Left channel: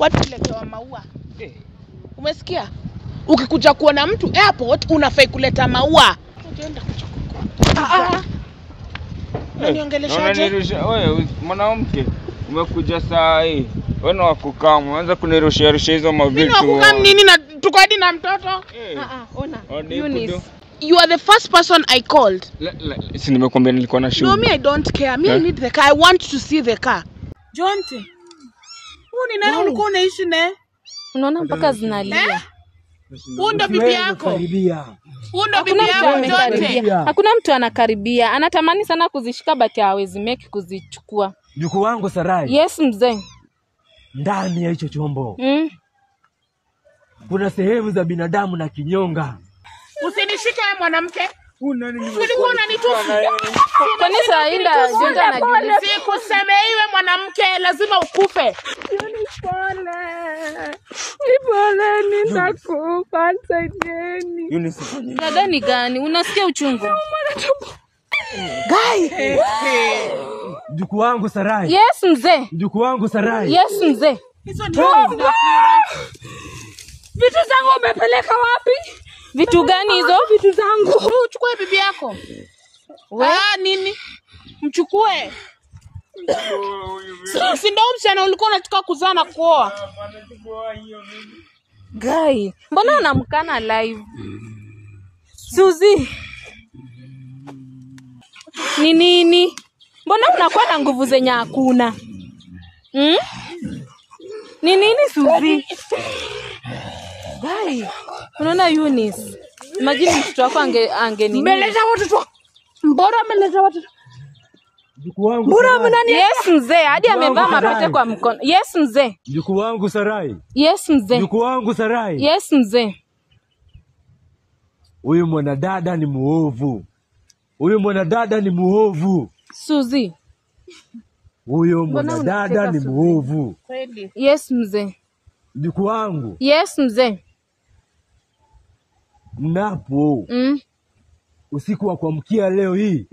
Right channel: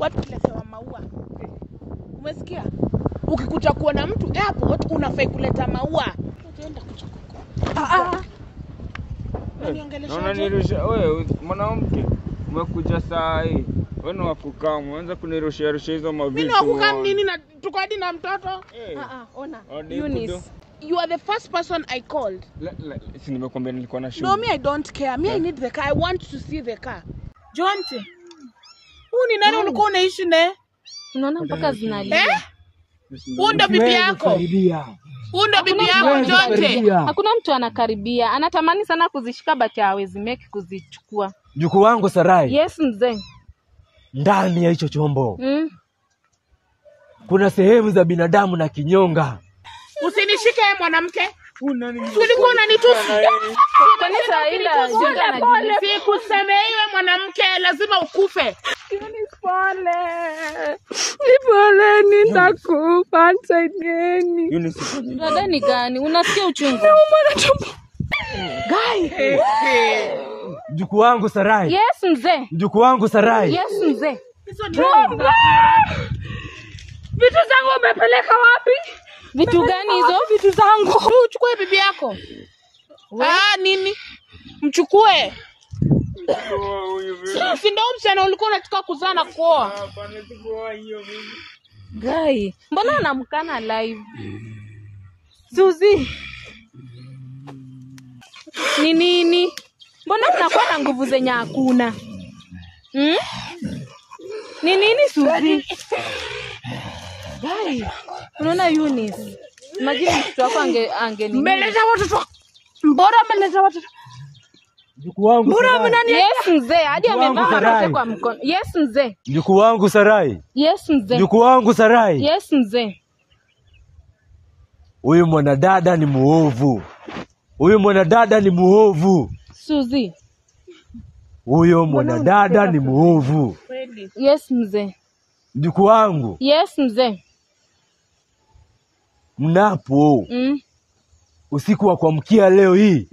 watu letewa maua. Umesikia? Ukikuja kuona mtu airport unafai kuleta maua. Unaenda kuchukua. Unanirusha wewe mwanamke. Umekuja saa hii. Wewe ni wakukamu. Unaanza kunirushia hizo mavitu. Mimi wakukamu nini na tuko hadi na mtoto? Ona. Eunice. You are the first person I called. Si nimekwambia nilikuwa na shughuli. No, me I don't care. Me I need the car. I want to see the car. Jonte. Ni nani ulikuwa unaishi naye? Unaona mpaka zinalia. Unda bibi yako. Unda bibi yako Jonte. Hakuna mtu anakaribia. Anatamani sana kuzishika but hawezi make kuzichukua. Mjukuu wangu Sarai. Yes mzee. Ndani ya hicho chombo. Kuna sehemu za binadamu na kinyonga. Usinishike wewe mwanamke. Ulikuwa unanitusi. Kanisa ila Jonte anajiuliza. Sikuseme iwe mwanamke lazima ukufe. Nipole nitakufa tena. Dada ni gani? Unasikia uchungu? Guy. Mjukuu wangu Sarai. Yes mzee. Mjukuu wangu Sarai. Yes mzee. Hizo ndio zinafura. Vitu zangu umepeleka wapi? Vitu gani hizo? Vitu zangu. Uchukue bibi yako. Nini? Mchukue. Si ndio msichana ulikuwa unataka kuzaa na kuoa? Hapana, sikuoa hiyo mimi. Guy, mbona unamkana live? Suzy. Ni nini? Mbona unakuwa na nguvu zenye hakuna? Ni nini Suzy? Guy, unaona Eunice. Imagine mtoto wako angenini. Mbeleza watoto. Mbona mbeleza watoto? Mjukuu wangu. Yes mzee, hadi amevaa mapete kwa mkono. Yes mzee. Mjukuu wangu Sarai. Yes mzee. Mjukuu wangu Sarai. Yes mzee. Huyu mwanadada ni muovu. Huyu mwanadada ni muovu. Suzy. Huyo mwanadada ni muovu. Yes mzee. Mjukuu wangu. Yes mzee. Mnapo. Usiku wa kuamkia leo hii.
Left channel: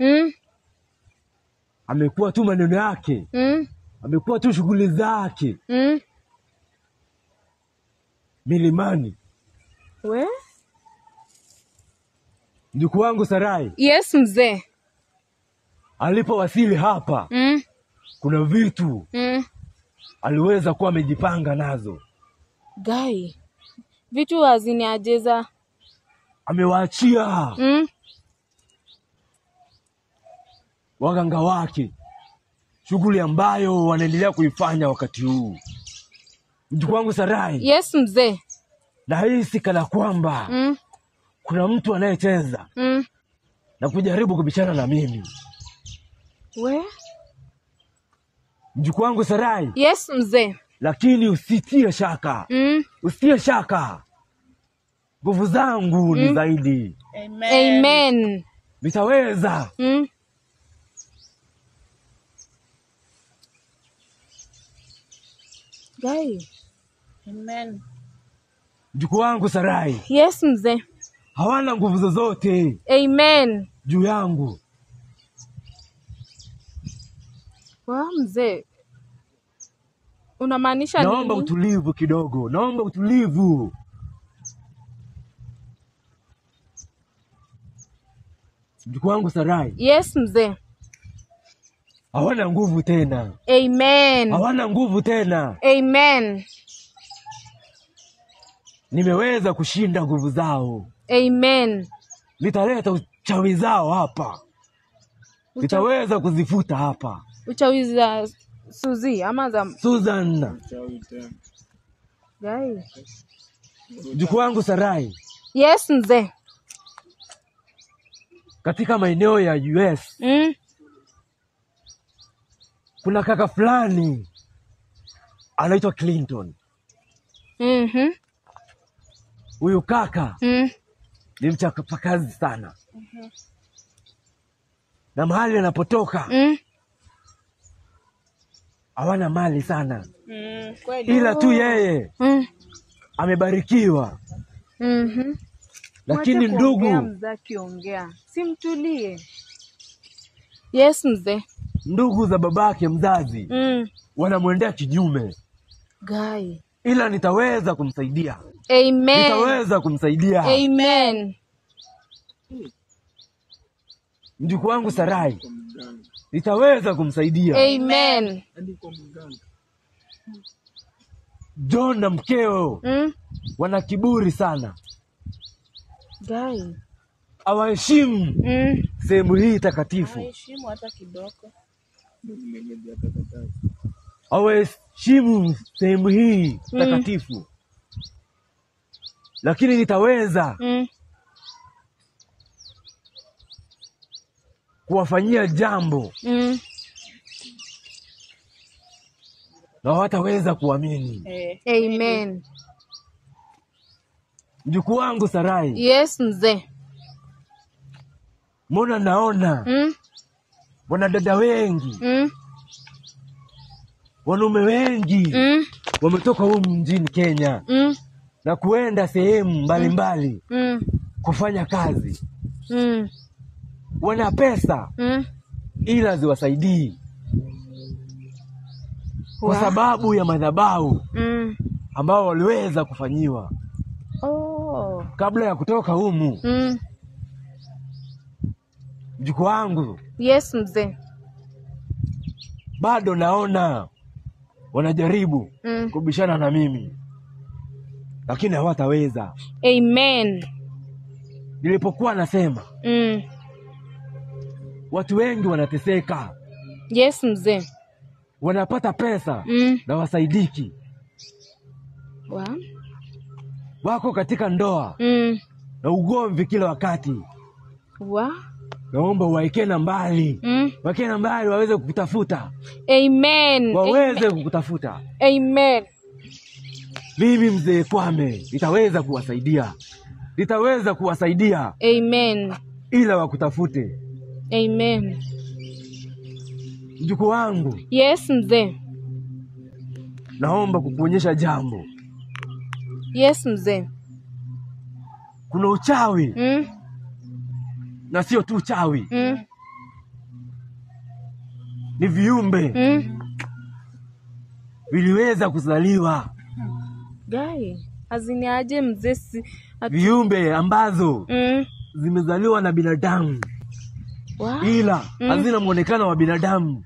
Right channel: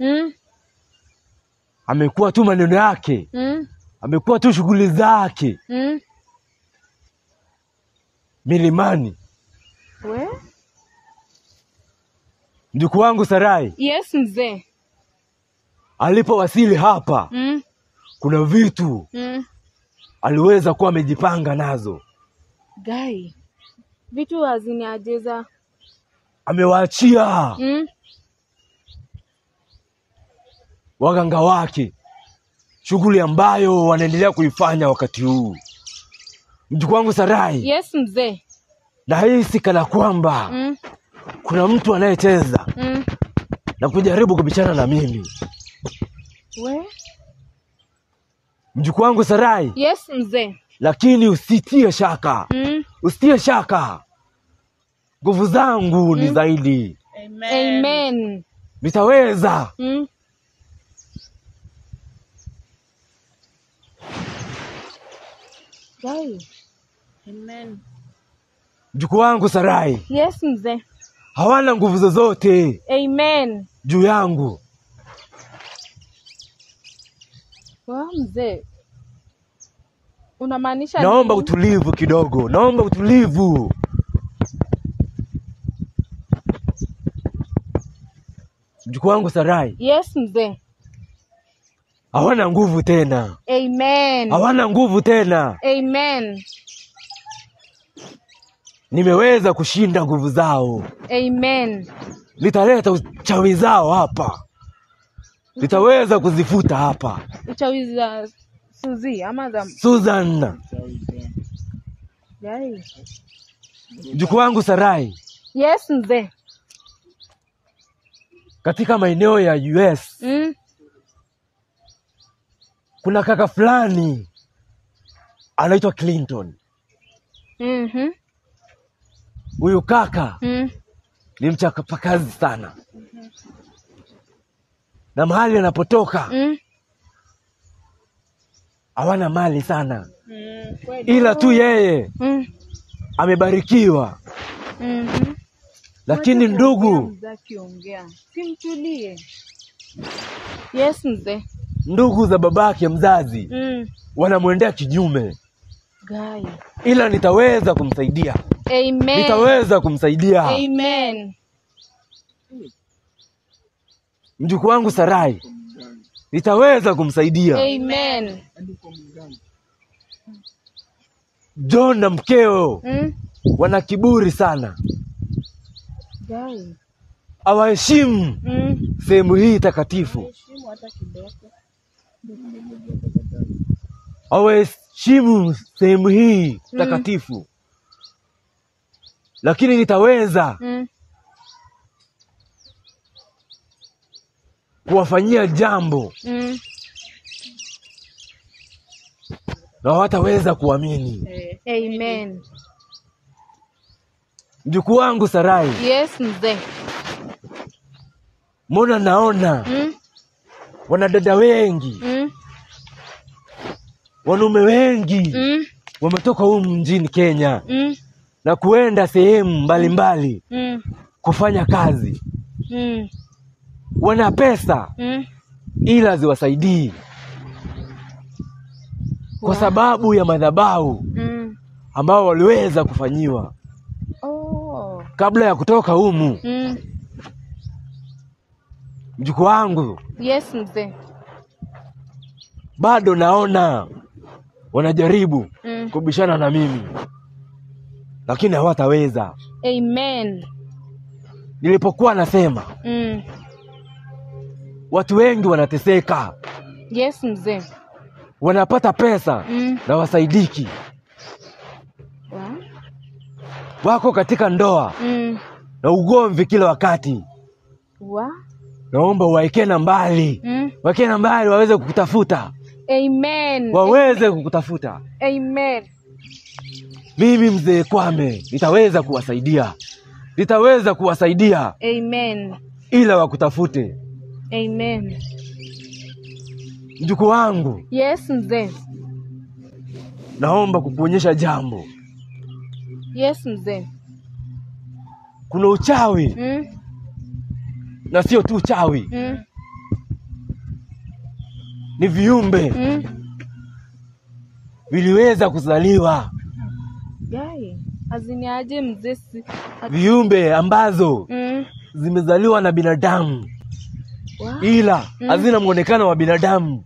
Amekuwa tu maneno yake. Amekuwa tu shughuli zake. Milimani. We? Mjukuu wangu Sarai. Yes mzee. Alipowasili hapa. Kuna vitu. Aliweza kuwa amejipanga nazo. Guy. Vitu haziniajeza. Amewaachia. Waganga wake. Shughuli ambayo wanaendelea kuifanya wakati huu. Mjukuu wangu Sarai. Yes mzee. Na hisi kana kwamba kuna mtu anayecheza na kujaribu kubishana na mimi. We? Mjukuu wangu Sarai. Yes mzee. Lakini usitie shaka. Usitie shaka. Nguvu zangu ni zaidi. Amen. Nitaweza. Guy. Amen. Mjukuu wangu Sarai. Yes mzee. Hawana nguvu zozote. Amen. Juu yangu. Mzee. Unamaanisha nini? Naomba utulivu kidogo. Naomba utulivu. Mjukuu wangu Sarai. Yes mzee. Hawana nguvu tena. Amen. Hawana nguvu tena. Amen. Nimeweza kushinda nguvu zao. Amen. Nitaleta uchawi zao hapa. Nitaweza kuzifuta hapa. Uchawi za Suzy ama za Susan. Guy. Mjukuu wangu Sarai. Yes mzee. Katika maeneo ya US. Kuna kaka fulani anaitwa Clinton. Huyu kaka ni mchapakazi sana. Na mahali anapotoka hawana mali sana. Ila tu yeye amebarikiwa. Lakini ndugu, simtulie. Yes mzee. Ndugu za babake mzazi wanamwendea kinyume. Guy. ila nitaweza kumsaidia. Amen. Nitaweza kumsaidia. Amen. Mjukuu wangu Sarai, nitaweza kumsaidia. Amen. John na mkeo wana kiburi sana. Guy. Hawaheshimu sehemu hii takatifu. Heshimu hata kidogo. Hawaheshimu sehemu hii takatifu. Lakini nitaweza kuwafanyia jambo na wataweza kuamini. Amen. Mjukuu wangu Sarai, Yes, mzee. mbona naona wanadada wengi, wanaume wengi wametoka humu mjini Kenya na kuenda sehemu mbalimbali kufanya kazi. Wana pesa ila ziwasaidii kwa sababu ya madhabahu ambao waliweza kufanyiwa kabla ya kutoka humu. Mjukuu wangu, Yes, mzee. bado naona wanajaribu kubishana na mimi, lakini hawataweza. Amen. Nilipokuwa nasema watu wengi wanateseka, Yes, mzee. wanapata pesa na wasaidiki, wako katika ndoa na ugomvi kila wakati. Naomba waeke na mbali, waeke na mbali waweze kukutafuta. Amen. Waweze kukutafuta. Amen. Mimi mzee Kwame nitaweza kuwasaidia. Nitaweza kuwasaidia. Amen. Ila wakutafute. Amen. Mjukuu wangu. Yes, mzee. Naomba kukuonyesha jambo. Yes, mzee. Kuna uchawi. Na sio tu uchawi. Ni viumbe. Viliweza kuzaliwa. Guy, aziniaje mzee viumbe ambazo zimezaliwa na binadamu. Ila hazina muonekano wa binadamu.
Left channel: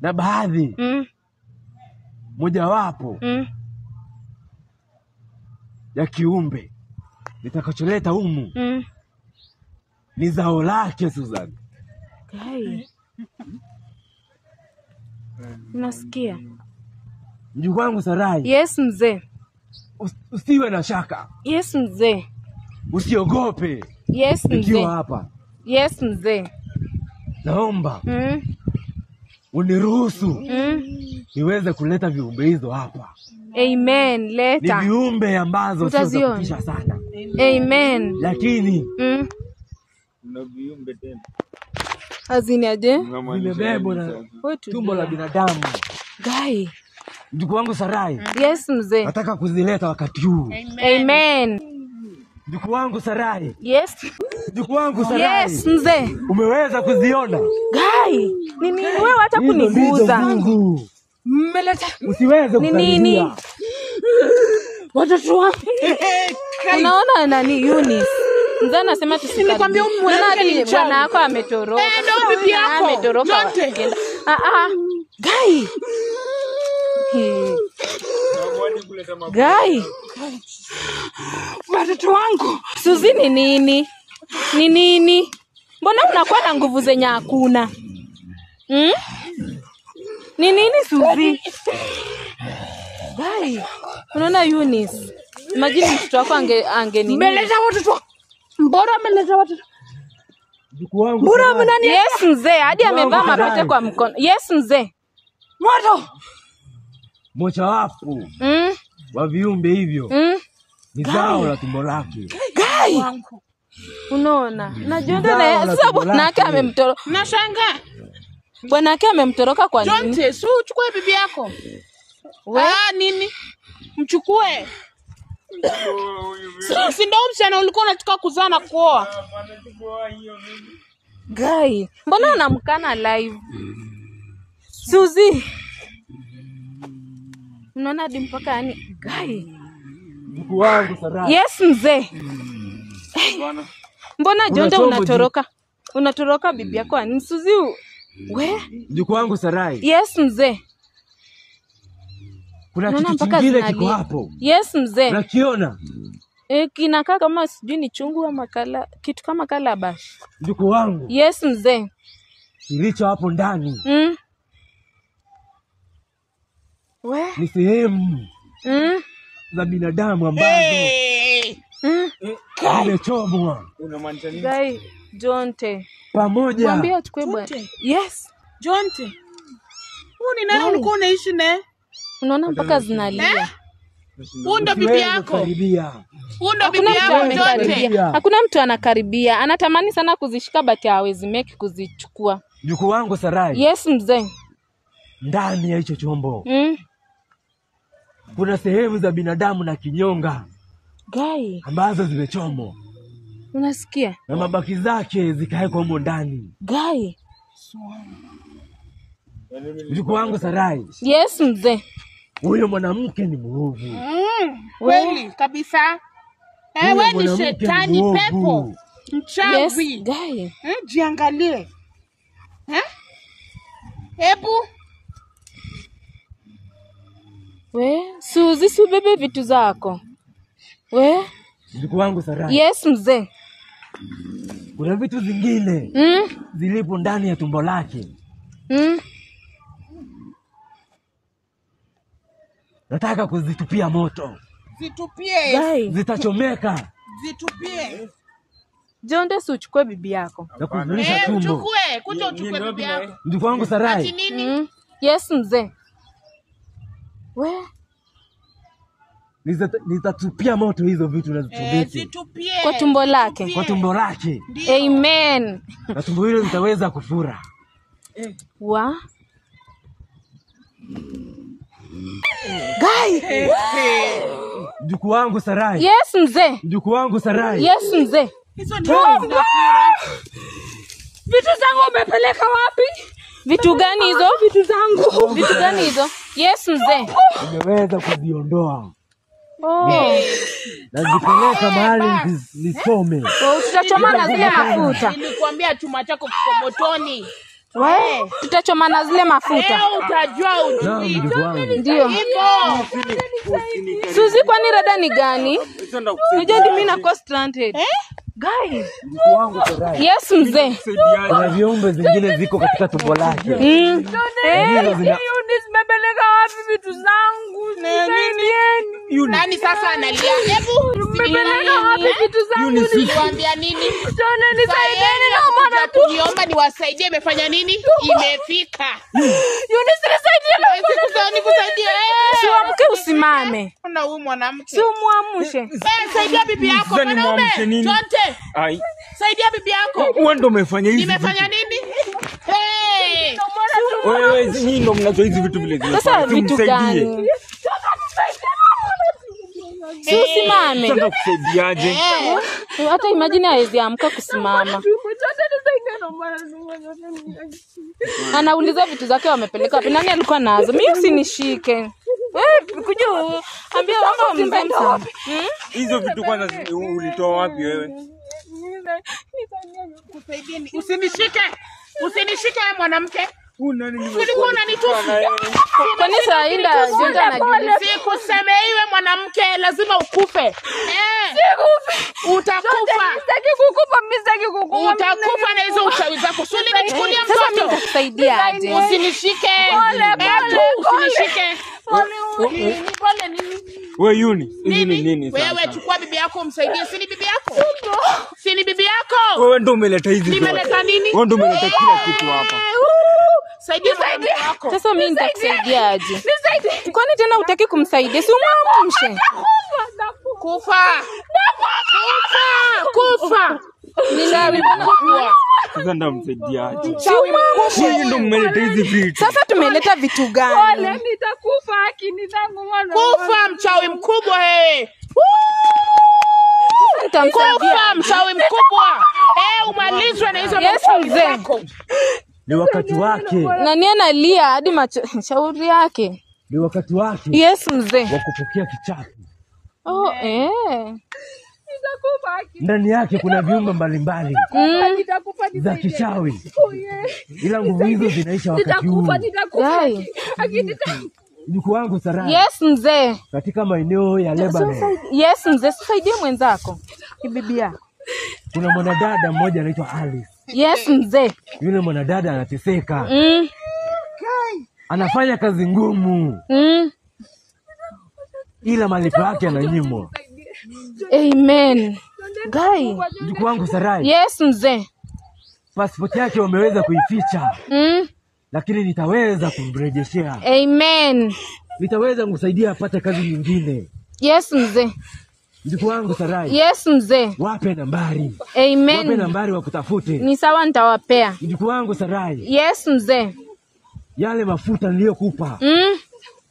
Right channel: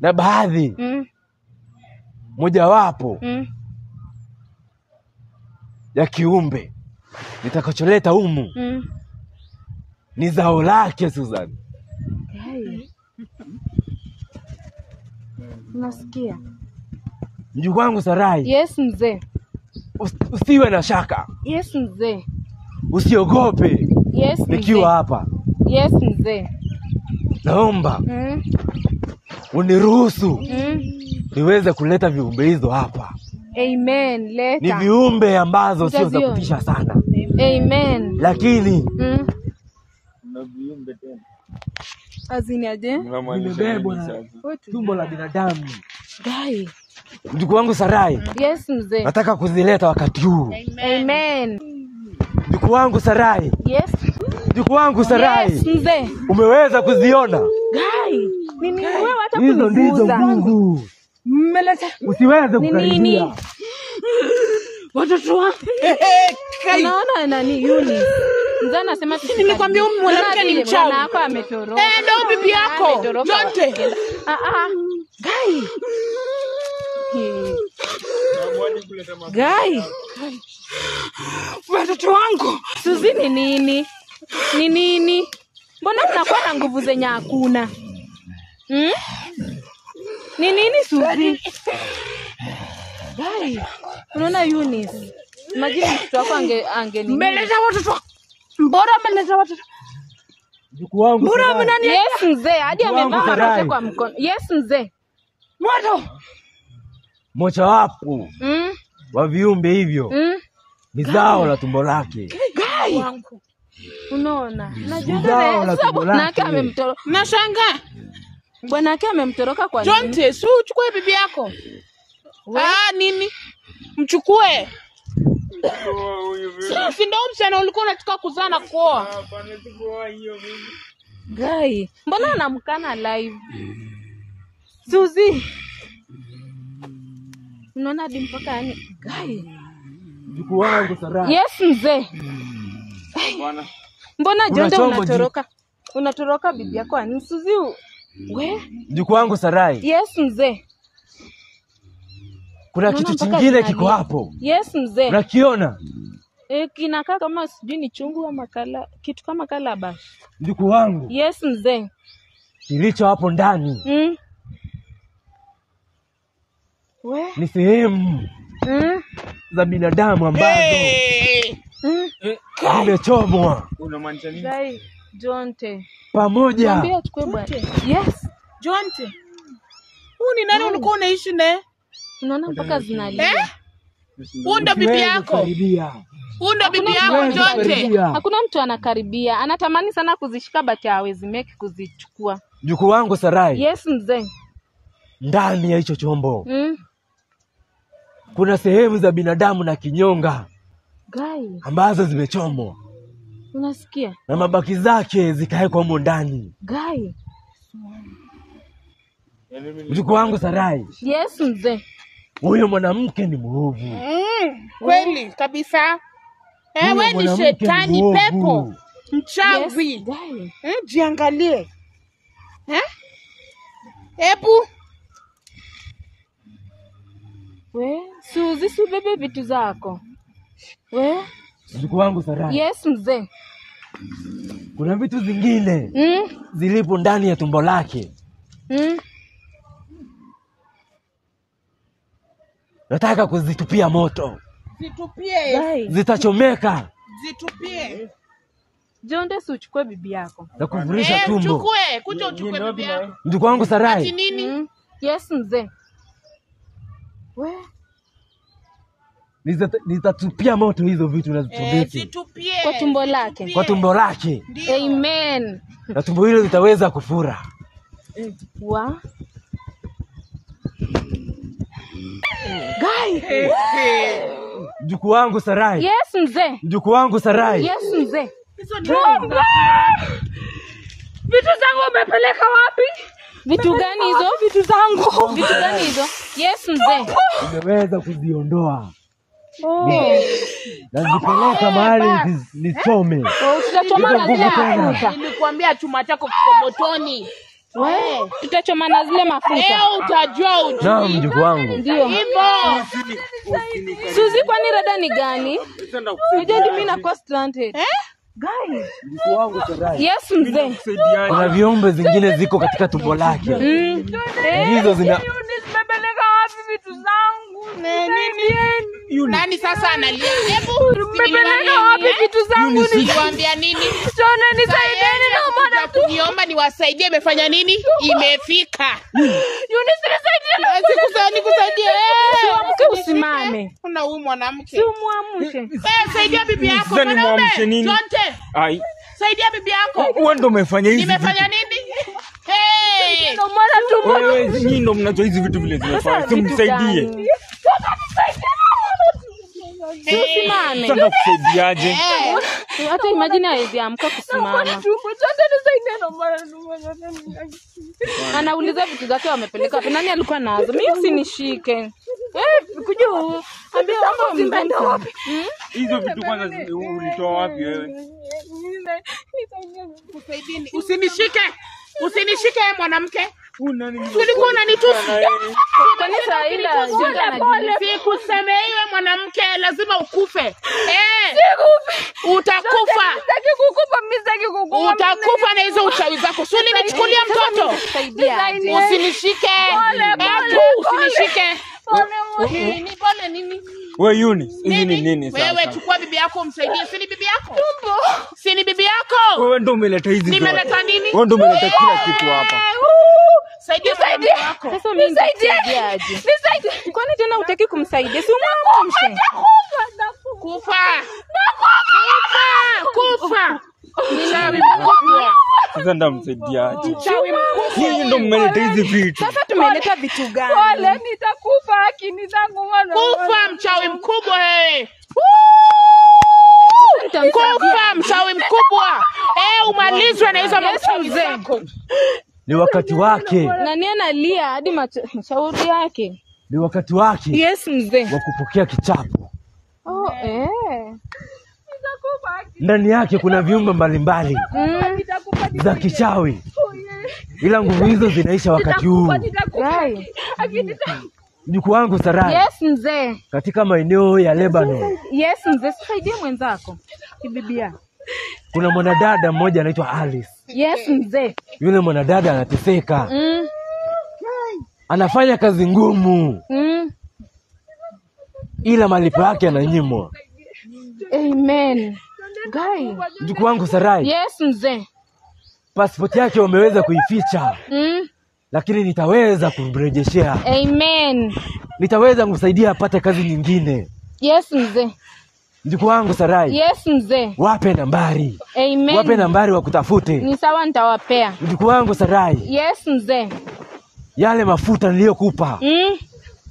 Na baadhi mojawapo ya kiumbe nitakacholeta humu ni zao lake, Susan. Nasikia. Mjukuu wangu Sarai. Yes, mzee. Usiwe na shaka. Yes, mzee. Usiogope. Yes, mzee. Nikiwa hapa. Yes, mzee. Naomba uniruhusu niweze kuleta viumbe hizo hapa. Amen. Leta. Ni viumbe ambazo sio za kutisha sana. Amen. Lakini na viumbe tena. Aziniaje? Vimebebwa na tumbo la binadamu. Guy. Mjukuu wangu Sarai. Yes, mzee. Nataka kuzileta wakati huu. Amen. Mjukuu wangu Sarai. Yes. Mjukuu wangu Sarai. Yes, mzee. Umeweza kuziona? Guy, nini wewe hata Hizo kuniguza? nguvu. Mmeleta. Usiweze kukaribia. Watoto wangu. Unaona nani Eunice? Mzee anasema Nikwambia mwanamke ni mchawi. Bwana yako ametoroka. Ndio bibi yako. Jonte. Guy. Guy. Watoto wangu. Suzi ni nini? Ni nini? Mbona mnakuwa na nguvu zenye hakuna? Ni nini Suzi? Guy. Unaona Eunice? Imagine mtoto wako ange nini? Mbeleza watoto. Mbona mbeleza watoto? Mjukuu wangu. Mbona mnani? Yes, mzee. Hadi amevaa mapete kwa mkono. Yes, mzee. Moto. Mocha wapo. Wa viumbe hivyo. Ni zao la tumbo lake. Guy. Unaona? Najua ndio sababu bwana yake amemtoroka. Nashangaa. Bwana yake amemtoroka kwa nini? Jonte, si uchukue bibi yako. Nini? Mchukue. Si ndio msichana ulikuwa unataka kuzaa na kuoa? Hapana, sikuoa hiyo mimi. Guy, mbona unamkana live? Suzi. Unaona hadi mpaka yani gai. Mjukuu wangu Sarai. Yes mzee. Bwana. Mbona Jonda unatoroka? Unatoroka bibi yako ani Suzi? We? Mjukuu wangu Sarai. Yes mzee. Kuna kitu kingine kiko hapo. Yes mzee. Unakiona? Kinakaa kama sijui ni chungu ama kala, kitu kama calabash. Mjukuu wangu. Yes mzee. Kilicho hapo ndani. We? Ni sehemu za binadamu ambazo zimechomwa. Unamaanisha nini? Gai Jonte. Pamoja. Mwambie achukue bwana. Yes. Jonte. Huu ni nani ulikuwa unaishi naye? Unaona mpaka zinalia. Huu ndo bibi yako. Huu ndo bibi yako Jonte. Hakuna mtu anakaribia. Anatamani sana kuzishika but hawezi make kuzichukua. Mjukuu wangu Sarai. Yes mzee. Ndani ya hicho chombo. Kuna sehemu za binadamu na kinyonga. Gai. Ambazo zimechomwa. Unasikia? Na mabaki zake zikawekwa humo ndani. Gai. Mjukuu wangu Sarai. Yes mzee. Huyo mwanamke ni mwovu. Kweli kabisa. Wewe ni shetani pepo. Mchawi. Yes, Gai. Jiangalie. Hebu. We, Suzi subebe vitu zako. We? Mjukuu wangu Sarai. Yes mzee. Kuna vitu zingine zilipo ndani ya tumbo lake. Nataka kuzitupia moto. Zitupie. Zitachomeka. Zitupie. Jonde si uchukue bibi yako. Na kuvulisha tumbo. Chukue, kuja uchukue bibi yako. Mjukuu wangu Sarai. Ati nini? Yes mzee. We? Nitatupia moto hizo vitu na zichomeke. Zitupie. Kwa tumbo lake. Kwa tumbo lake. Amen. Na tumbo hilo litaweza kufura. Wa? Gai. Mjukuu wangu Sarai. Yes mzee. Mjukuu wangu Sarai. Yes mzee. Hizo ndio zinafura. Vitu zangu umepeleka wapi? Vitu gani hizo? Vitu zangu. Vitu gani hizo? Yes mzee. Nimeweza kuziondoa. Na nipeleka mahali nisome. Tutachoma na zile mafuta. Nilikwambia chuma chako kiko motoni. Tutachoma na zile mafuta. Leo utajua ujui. Naam mjukuu wangu. Ndio. Hivyo. Suzi kwani rada ni gani? Unajua mimi na cost stranded. Gai. Mjukuu wangu Sarai. Yes mzee. Kuna viumbe zingine ziko katika tumbo lake. Hizo zina Nimepeleka wapi vitu zangu? Nani sasa analia? Hebu Nimepeleka wapi vitu zangu? niwaambia nini? Tuna nisaidieni na mwana tu. Niomba niwasaidie, imefanya nini? Imefika. Eunice nisaidie. Nikusaidie. Mke usimame. Kuna huyu mwanamke. Si umuamshe. Saidia bibi yako. Sasa nimwamshe nini? Jonte. Ai. Saidia bibi yako. Wewe ndo umefanya hizi. Nimefanya nini? Wewe nyinyi ndo mnacho hizi vitu vile zimefanya. Tumsaidie. Usimame. Sasa kusaidiaje? Hata imagine hawezi amka kusimama. Anauliza vitu zake wamepeleka wapi? Nani alikuwa nazo? Mimi usinishike. Kuja ambia mambo wapi? Hizo vitu kwanza ulitoa wapi wewe? Usinishike. Usinishike wewe mwanamke. Ulikuwa unanitusi. Kanisa ila Jonda anajulia. Sikuseme iwe mwanamke lazima ukufe. Utakufa. Utakufa na hizo uchawi zako. Sio nimechukulia mtoto. Kusaidia aje? Usinishike. Usinishike. Pole nini? Wewe Eunice, hizi ni nini sasa? Wewe chukua bibi yako umsaidie. Si ni bibi yako? Si ni bibi yako? Wewe ndo umeleta hizi. Nimeleta nini? Wewe ndo umeleta kila kitu hapa. Saidia bibi yako. Sasa mimi nitakusaidia aje? Nisaidie. Kwani tena hutaki kumsaidia? Si umwamshe. Kufa. Kufa. Mchawi mkubwa. Sasa ndamsaidiaje? Mchawi mkubwa. Nyinyi ndo mmeleta hizi vitu. Sasa tumeleta vitu gani? Pole, nitakufa akini zangu mwana. Kufa mchawi mkubwa wewe. Kufa mchawi mkubwa. Umalizwe na hizo machawi zako. Ni wakati wake. Nani analia hadi shauri yake? ni wakati wake Yes mzee. wa kupokea kichapo. Oh, Ndani yake kuna viumbe mbalimbali za kichawi. Ila nguvu hizo zinaisha wakati huu. Mjukuu wangu Sarai. Yes mzee. Katika maeneo ya Lebanon. Yes mzee, saidie mwenzako. Bibi yako. Kuna mwanadada mmoja anaitwa Alice. Yes mzee. Yule mwanadada anateseka. Anafanya kazi ngumu. Ila malipo yake yananyimwa. Amen. Guy. Mjukuu wangu Sarai. Yes mzee. Pasipoti yake wameweza kuificha. Lakini nitaweza kumrejeshea. Amen. Nitaweza kumsaidia apate kazi nyingine. Yes mzee. Mjukuu wangu Sarai. Yes mzee. Wape nambari. Amen. Wape nambari wakutafute. Ni sawa, nitawapea. Mjukuu wangu Sarai. Yes mzee. Yale mafuta niliyokupa.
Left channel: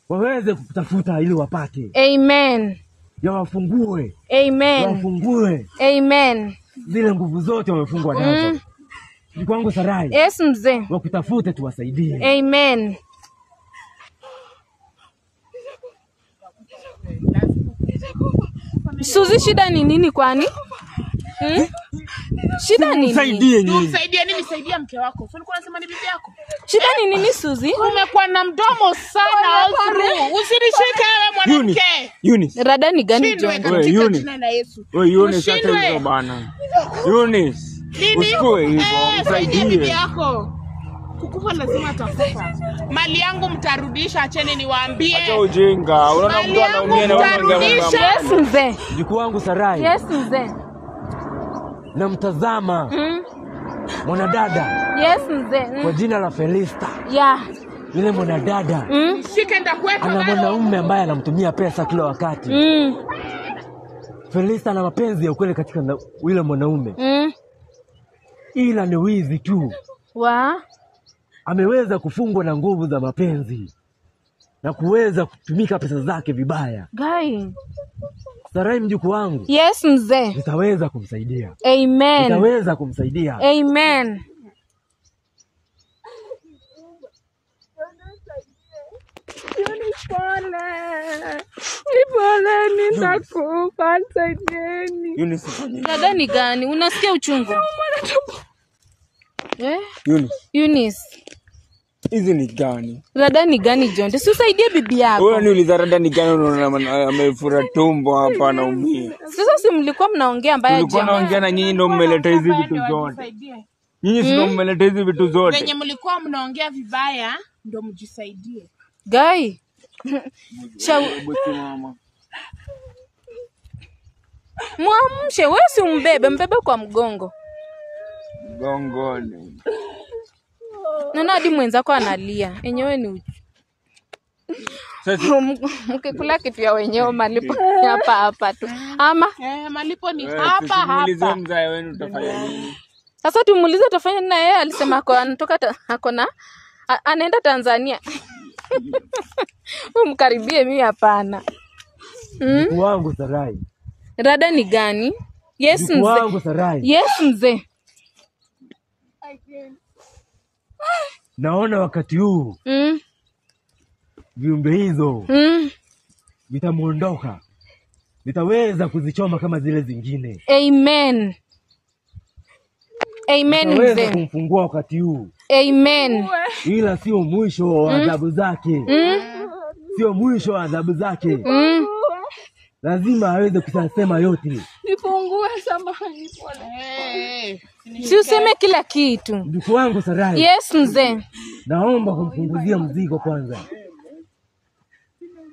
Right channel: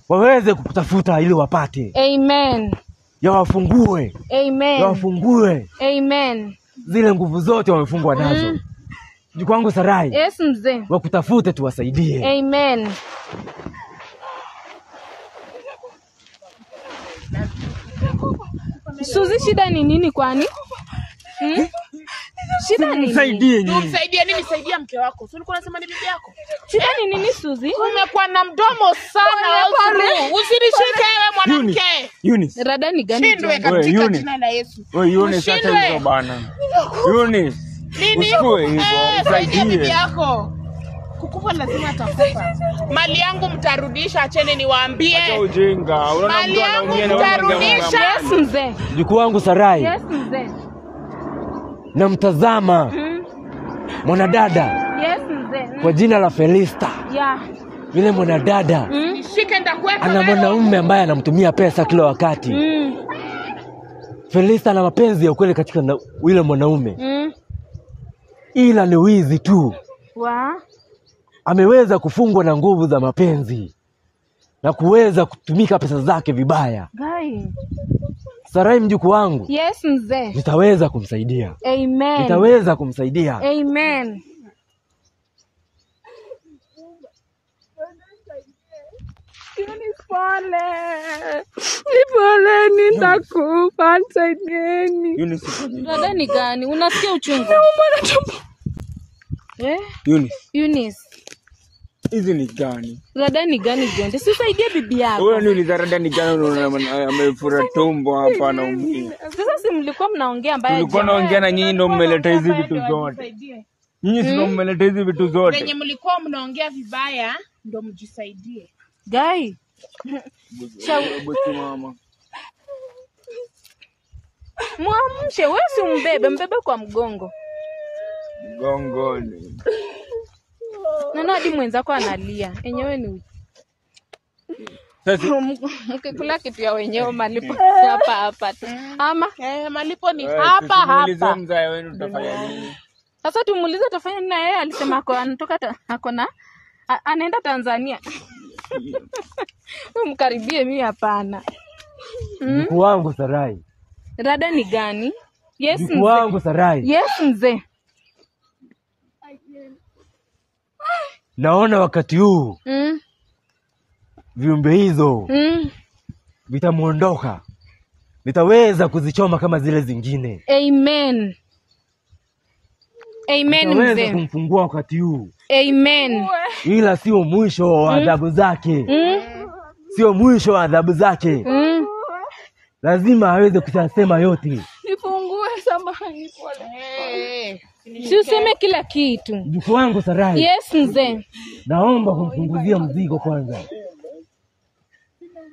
Waweze kukutafuta ili wapate. Amen. Yawafungue. Amen. Yawafungue. Amen. Zile nguvu zote wamefungwa nazo. Mjukuu wangu Sarai. Yes mzee. Wakutafute tuwasaidie. Amen. Suzi, shida ni nini kwani? Shida ni nini? Msaidie nini? Tumsaidie nini? Saidia mke wako. Sio ulikuwa unasema ni bibi yako? Shida ni nini Suzi? Umekuwa na mdomo sana Ozru. Usinishike wewe mwanamke. Eunice. Rada ni gani John? Wewe Eunice. Jina la Yesu. Wewe Eunice, acha hizo bana. Eunice. Usikue hivyo, Saidia bibi msaidie. yako. Kukufa lazima atakufa. Mali yangu mtarudisha, acheni niwaambie. Acha ujinga. Unaona mtu anaumia na wewe Yes mzee. Mjukuu wangu Sarai. Yes mzee. Namtazama mwanadada Yes mzee. kwa jina la Felista. Yeah. Yule mwanadada Shike ndakwenda. ana mwanaume ambaye anamtumia pesa kila wakati. Felista ana mapenzi ya ukweli katika yule mwanaume. Ila ni wizi tu. Ameweza kufungwa na nguvu za mapenzi na kuweza kutumika pesa zake vibaya. Guy. Sarai mjukuu wangu. Yes mzee. Nitaweza kumsaidia. Amen. Nitaweza kumsaidia. Amen. Nipole, nitakufa, nisaidieni. Eunice. Rada ni gani? Unasikia uchungu? Eunice. Eunice. Hizi ni gani? Rada ni gani John? Usaidie bibi yako. Wewe niuliza rada ni gani, unaona amefura tumbo hapa anaumia. Sasa si mlikuwa mnaongea mbaya. Tulikuwa naongea na nyinyi ndio mmeleta hizi vitu zote. Nyinyi ndio mmeleta hizi vitu zote. Wenye mlikuwa mnaongea vibaya ndio mjisaidie. Guy. Mama. Mwamshe, wewe si mbebe kwa mgongo. Gongoni. Na hadi mwenzako analia. Enyewe ni mkikula kitu ya wenyewe malipo hapa tu. Ama malipo ni hapa hapa. Muulize mzae wenu utafanya nini? Sasa tumuulize utafanya nini, na yeye alisema anatoka akona anaenda Tanzania. Umkaribie, mimi hapana. Mjukuu wangu Sarai. Rada ni gani? Yes Mjukuu wangu Sarai. Yes mzee. Naona wakati huu viumbe hizo vitamuondoka. Nitaweza kuzichoma kama zile zingine. Amen. Amen mzee. Nitaweza kumfungua wakati huu. Amen. Ila sio mwisho wa adhabu zake. Sio mwisho wa adhabu zake. Lazima aweze kusema yote. Nifungue, samahani, pole. Si useme kila kitu. Mjukuu wangu Sarai. Yes mzee. Naomba kumpunguzia mzigo kwanza.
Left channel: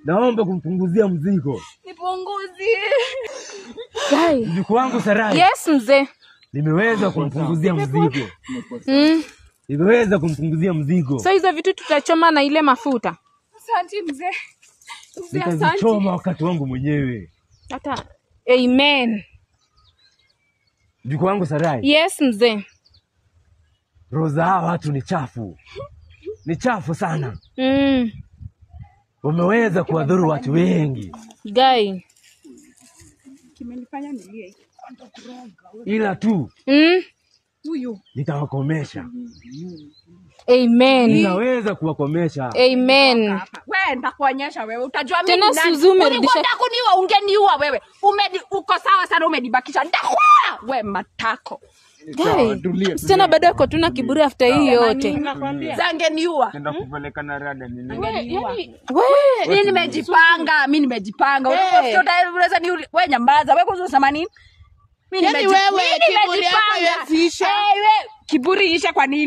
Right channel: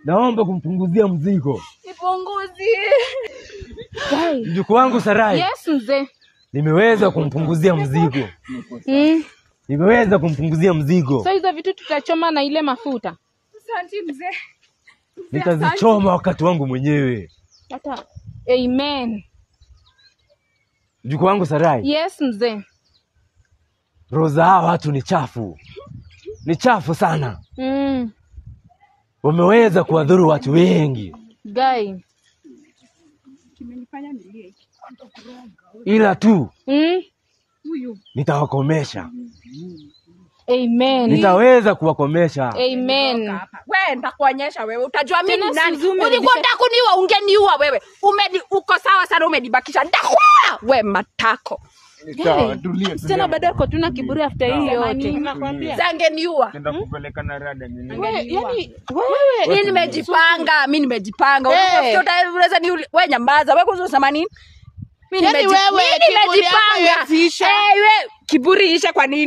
Naomba kumpunguzia mzigo. Nipunguzie. Mjukuu wangu Sarai. Yes mzee. Nimeweza kumpunguzia mzigo. Nimeweza kumpunguzia mzigo. So hizo vitu tutachoma na ile mafuta. Asante mzee. Nitazichoma wakati wangu mwenyewe. Hata amen. Mjukuu wangu Sarai. Yes mzee. Roho za hawa watu ni chafu. Ni chafu sana. Wameweza kuwadhuru watu wengi. Guy. Kimenifanya nilie. Ila tu Huyu nitawakomesha. Amen. Nitaweza kuwakomesha. Amen. Wewe nitakuonyesha wewe. Utajua mimi Tena ni nani. Suzu umerudisha- Unataka kuniua, ungeniua wewe. Uko sawa sana, umenibakisha. Ndakuua wewe matako. Sawa, tulia. Tena bado ako tuna kiburi after hii yote. Zangeniua. Nenda kupeleka na rada nini? Angeniua. Wewe Mimi nimejipanga. Unaweza ni wewe nyamaza. Wewe kuzusema nini? Mimi Yaani wewe, kiburi yako nimejipanga. yasiisha. Wewe kiburi isha kwa nini?